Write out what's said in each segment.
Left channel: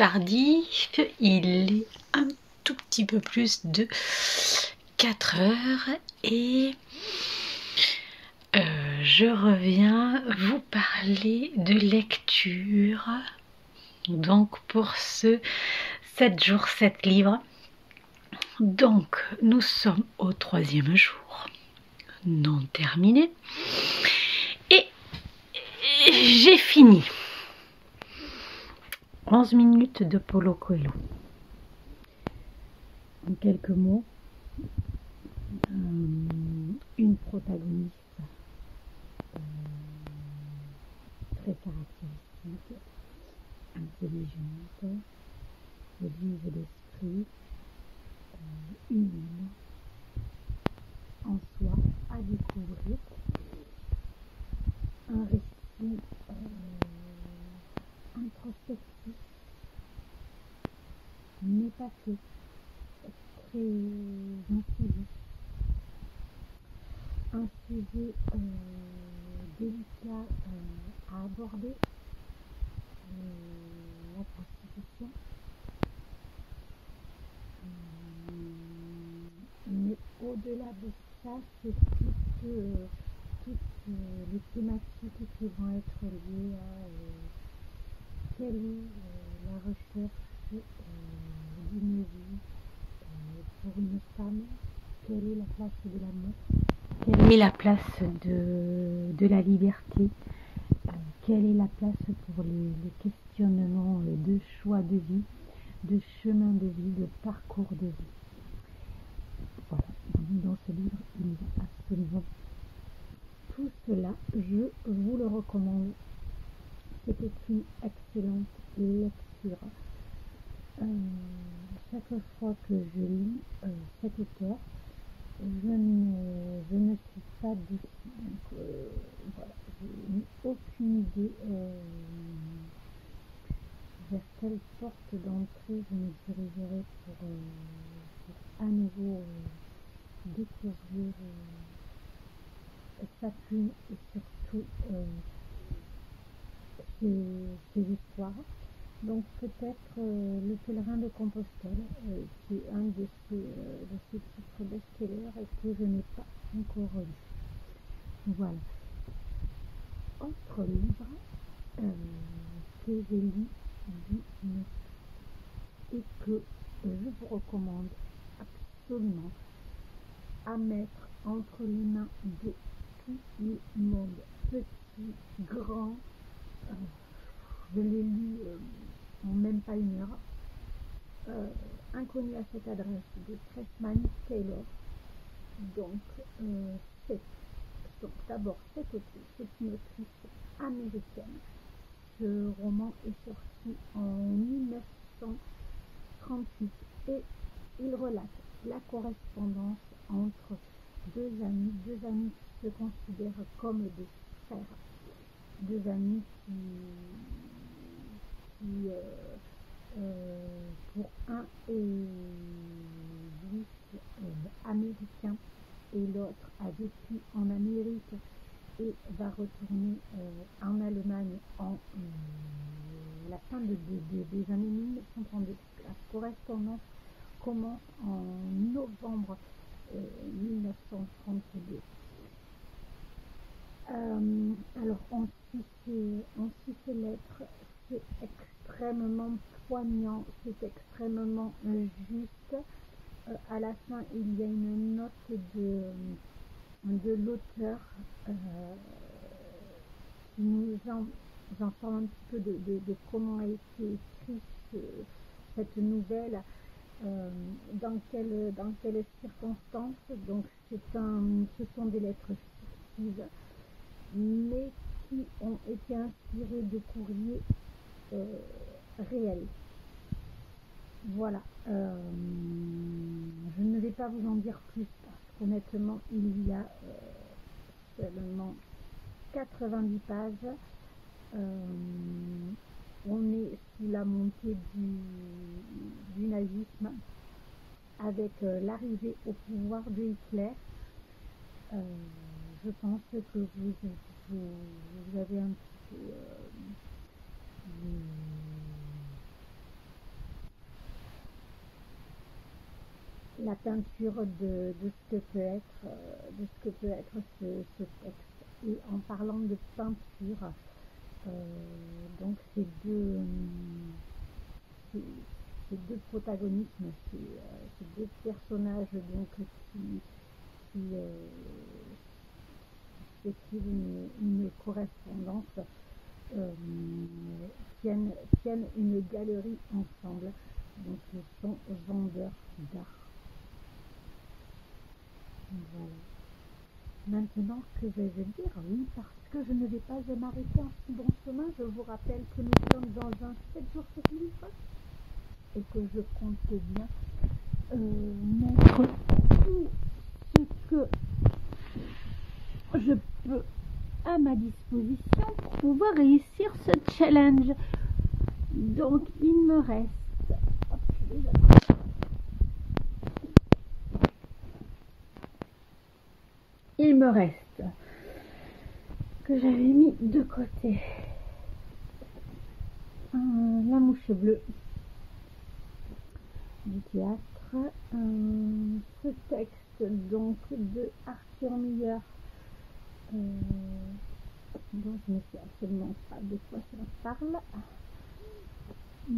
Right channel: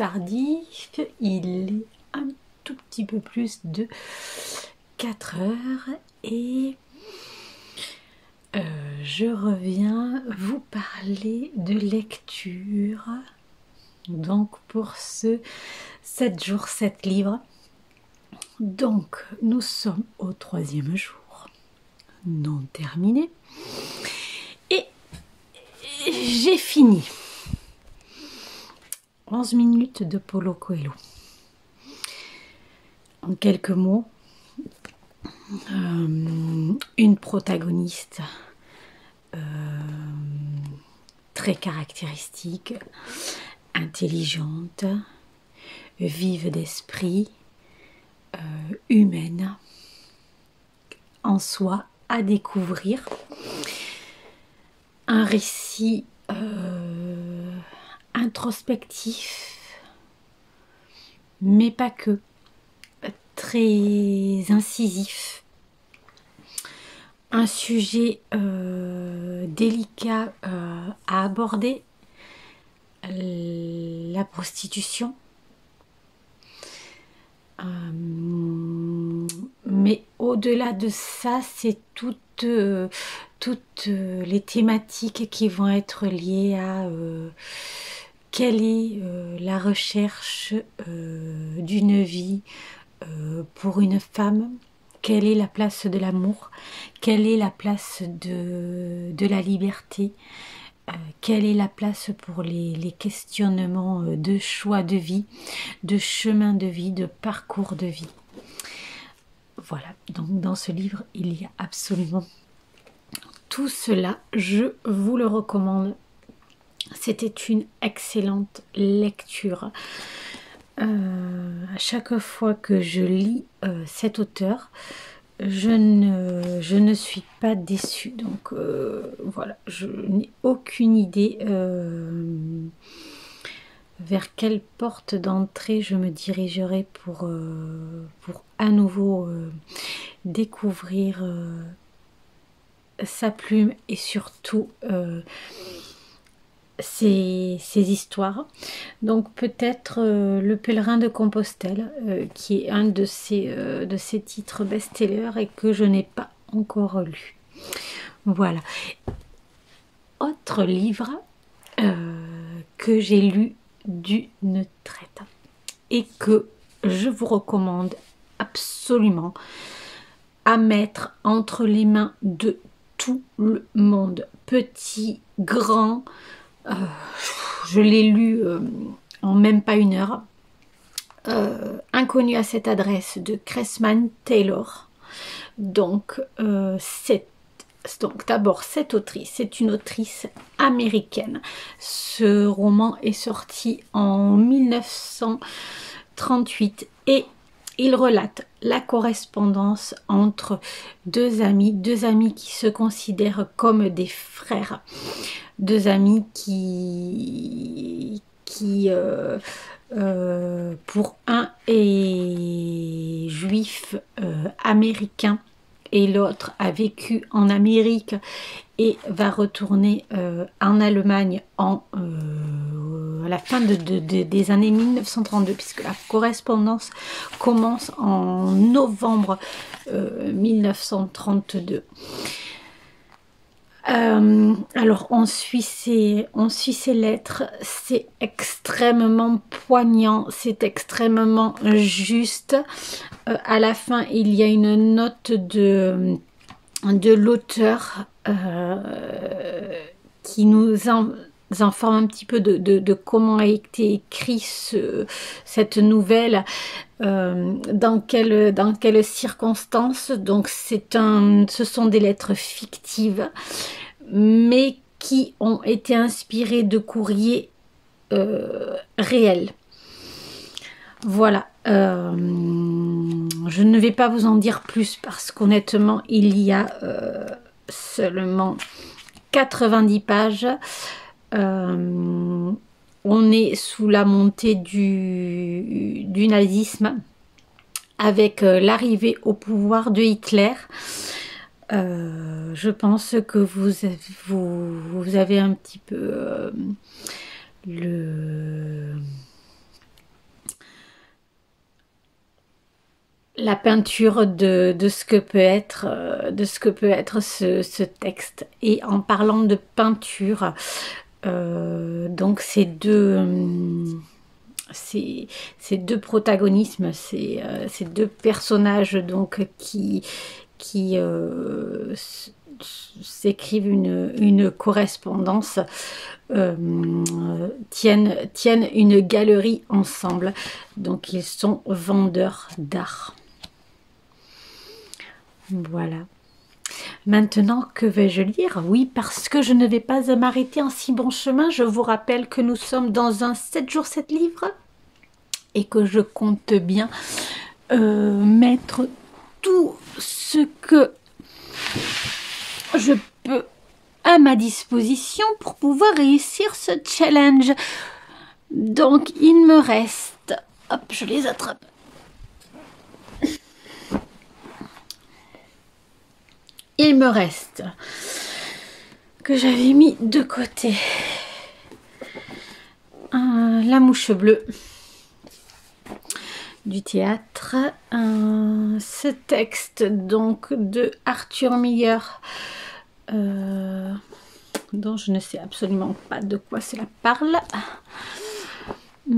tardif, il est un tout petit peu plus de 4 heures et je reviens vous parler de lecture. Donc pour ce 7 jours 7 livres. Donc nous sommes au 3e jour, non terminé. Et j'ai fini 11 minutes de Paulo Coelho. En quelques mots, une protagoniste très caractéristique, intelligente, vive d'esprit, humaine, en soi à découvrir. Un récit introspectif, mais pas que, très incisif. Un sujet délicat à aborder, la prostitution. Mais au-delà de ça, c'est toutes les thématiques qui vont être liées à quelle est la recherche d'une vie pour une femme, quelle est la place de l'amour, quelle est la place de la liberté, quelle est la place pour les questionnements de choix de vie, de chemin de vie, de parcours de vie. Voilà, donc dans ce livre, il y a absolument tout cela. Je vous le recommande. C'était une excellente lecture. À chaque fois que je lis cet auteur, je ne suis pas déçue. Donc voilà, je n'ai aucune idée vers quelle porte d'entrée je me dirigerai pour à nouveau découvrir sa plume et surtout ses histoires. Donc peut-être Le Pèlerin de Compostelle, qui est un de ces titres best-sellers et que je n'ai pas encore lu. Voilà. Autre livre que j'ai lu d'une traite et que je vous recommande absolument à mettre entre les mains de tout le monde, petit, grand. Je l'ai lu en même pas une heure. Inconnu à cette adresse de Cressman Taylor. Donc d'abord cette autrice, c'est une autrice américaine. Ce roman est sorti en 1938 et il relate la correspondance entre deux amis qui se considèrent comme des frères, deux amis qui pour un est juif américain et l'autre a vécu en Amérique et va retourner en Allemagne à la fin des années 1932, puisque la correspondance commence en novembre 1932. Alors on suit ces lettres, c'est extrêmement poignant, c'est extrêmement juste. À la fin il y a une note de l'auteur qui nous informe un petit peu de comment a été écrit cette nouvelle, dans quelles circonstances. Donc ce sont des lettres fictives mais qui ont été inspirées de courriers réels. Voilà, je ne vais pas vous en dire plus parce qu'honnêtement il y a seulement 90 pages. On est sous la montée du nazisme avec l'arrivée au pouvoir de Hitler. Je pense que vous avez un petit peu la peinture de ce que peut être, ce texte. Et en parlant de peinture, donc ces deux protagonismes, ces deux personnages donc qui s'écrivent une correspondance, tiennent une galerie ensemble. Donc ils sont vendeurs d'art. Voilà. Maintenant, que vais-je lire? Oui, parce que je ne vais pas m'arrêter en si bon chemin. Je vous rappelle que nous sommes dans un 7 jours 7 livres et que je compte bien mettre tout ce que je peux à ma disposition pour pouvoir réussir ce challenge. Donc, il me reste... Hop, je les attrape. Il me reste que j'avais mis de côté La mouche bleue du théâtre, ce texte donc de Arthur Miller, dont je ne sais absolument pas de quoi cela parle. Où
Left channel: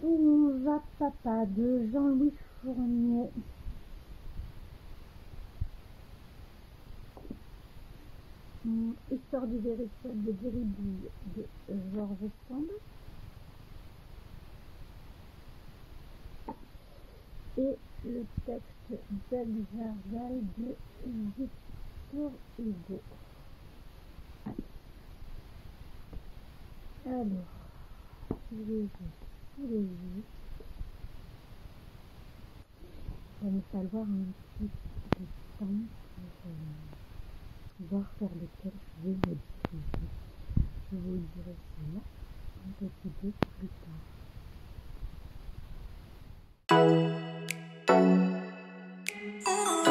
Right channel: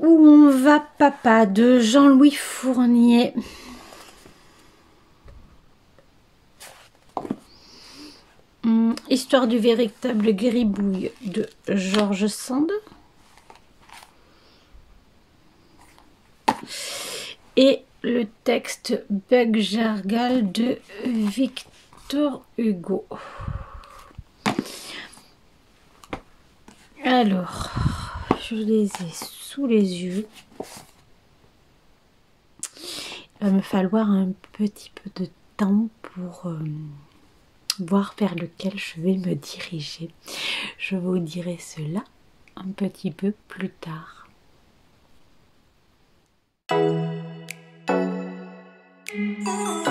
on va papa de Jean-Louis Fournier. Histoire du véritable gribouille de George Sand. Et le texte Bug Jargal de Victor Hugo. Alors, je les ai sous les yeux. Il va me falloir un petit peu de temps pour voir vers lequel je vais me diriger. Je vous dirai cela un petit peu plus tard. Oh.